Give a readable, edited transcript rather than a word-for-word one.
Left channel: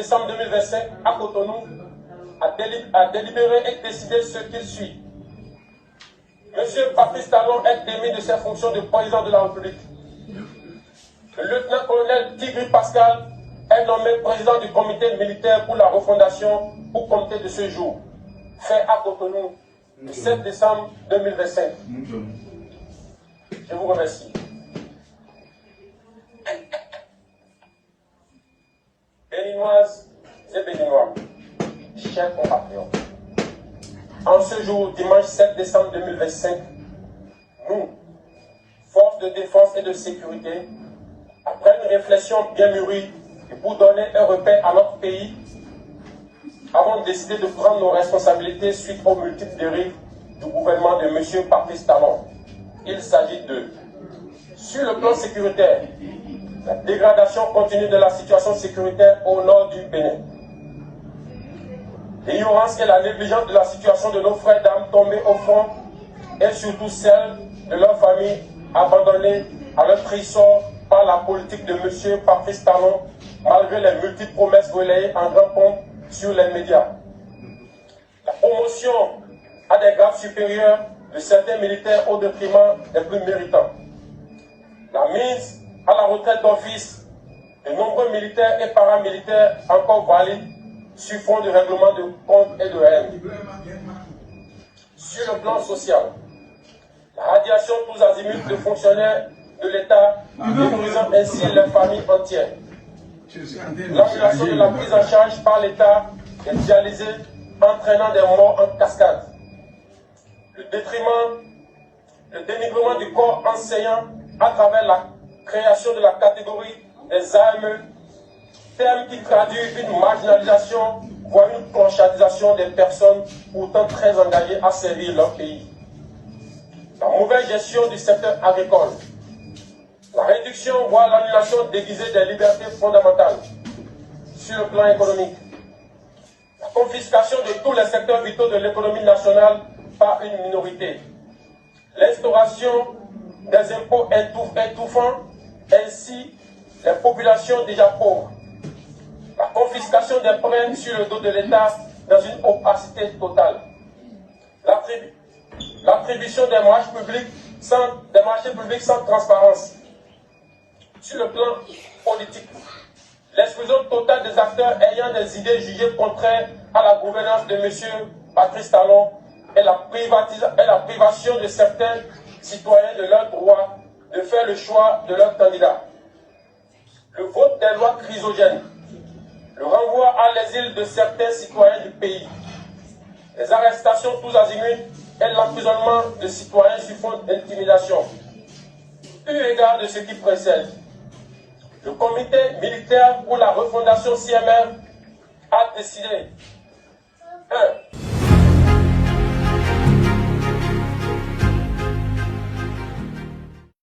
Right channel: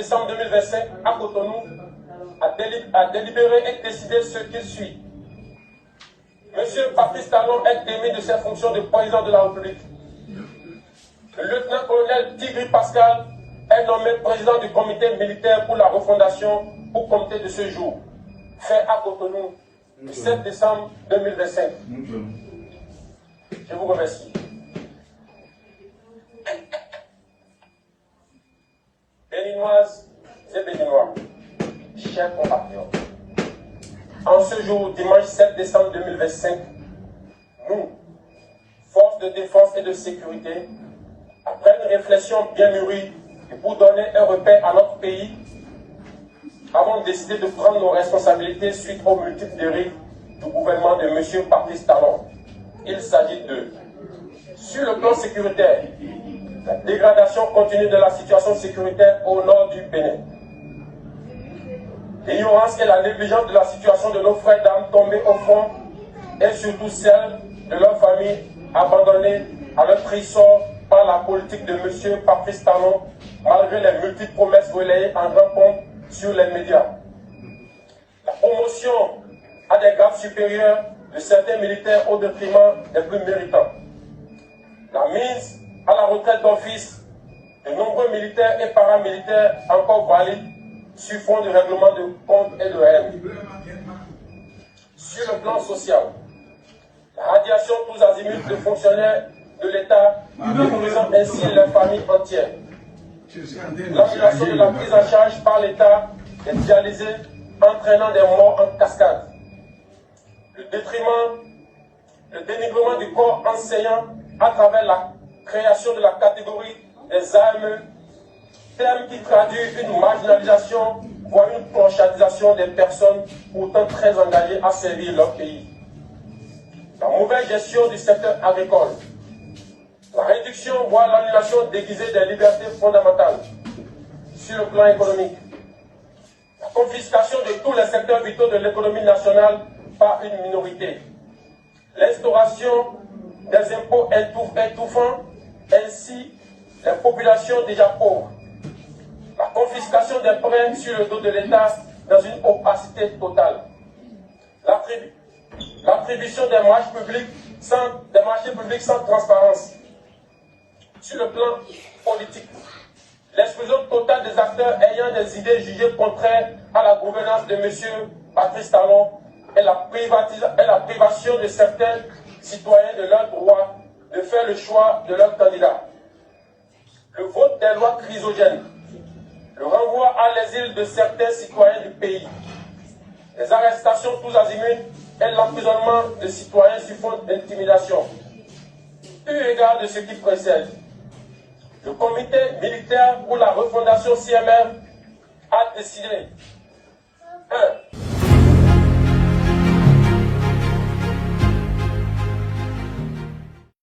décembre 2025 à Cotonou a délibéré et décidé ce qu'il suit. Monsieur Patrice Talon est démis de ses fonctions de président de la République. Le lieutenant-colonel Tigri Pascal est nommé président du comité militaire pour la refondation pour compter de ce jour, fait à Cotonou le 7 décembre 2025. Je vous remercie. Béninoises et Béninois, chers compatriotes, en ce jour, dimanche 7 décembre 2025, nous, forces de défense et de sécurité, après une réflexion bien mûrie et pour donner un repère à notre pays, avons décidé de prendre nos responsabilités suite aux multiples dérives du gouvernement de M. Patrice Talon. Il s'agit de, sur le plan sécuritaire, la dégradation continue de la situation sécuritaire au nord du Bénin. L'ignorance et la négligence de la situation de nos frères d'armes tombés au front et surtout celle de leurs familles abandonnées à leur triste sort par la politique de M. Patrice Talon, malgré les multiples promesses relayées en grand pompe sur les médias. La promotion à des grades supérieurs de certains militaires au détriment des plus méritants. La mise à la retraite d'office de nombreux militaires et paramilitaires encore valides sur fond de règlement de comptes et de haine. Sur le plan social, la radiation tous azimuts de fonctionnaires de l'État détruisant ainsi les familles entières. L'annulation de la prise en charge par l'État des dialysés entraînant des morts en cascade. Le dénigrement du corps enseignant à travers la création de la catégorie des armes, terme qui traduit une marginalisation, voire une conscientisation des personnes pourtant très engagées à servir leur pays. La mauvaise gestion du secteur agricole. La réduction, voire l'annulation déguisée des libertés fondamentales sur le plan économique. La confiscation de tous les secteurs vitaux de l'économie nationale par une minorité. L'instauration des impôts étouffants, ainsi les populations déjà pauvres. La confiscation des prêts sur le dos de l'État dans une opacité totale. L'attribution des marchés publics sans transparence. Sur le plan politique, l'exclusion totale des acteurs ayant des idées jugées contraires à la gouvernance de M. Patrice Talon et la privation de certains citoyens de leur droit de faire le choix de leur candidat. Le vote des lois chrysogènes, le renvoi à l'exil de certains citoyens du pays, les arrestations tous azimuts et l'emprisonnement de citoyens sur fond d'intimidation. Eu égard de ce qui précède, le comité militaire pour la refondation CMR a décidé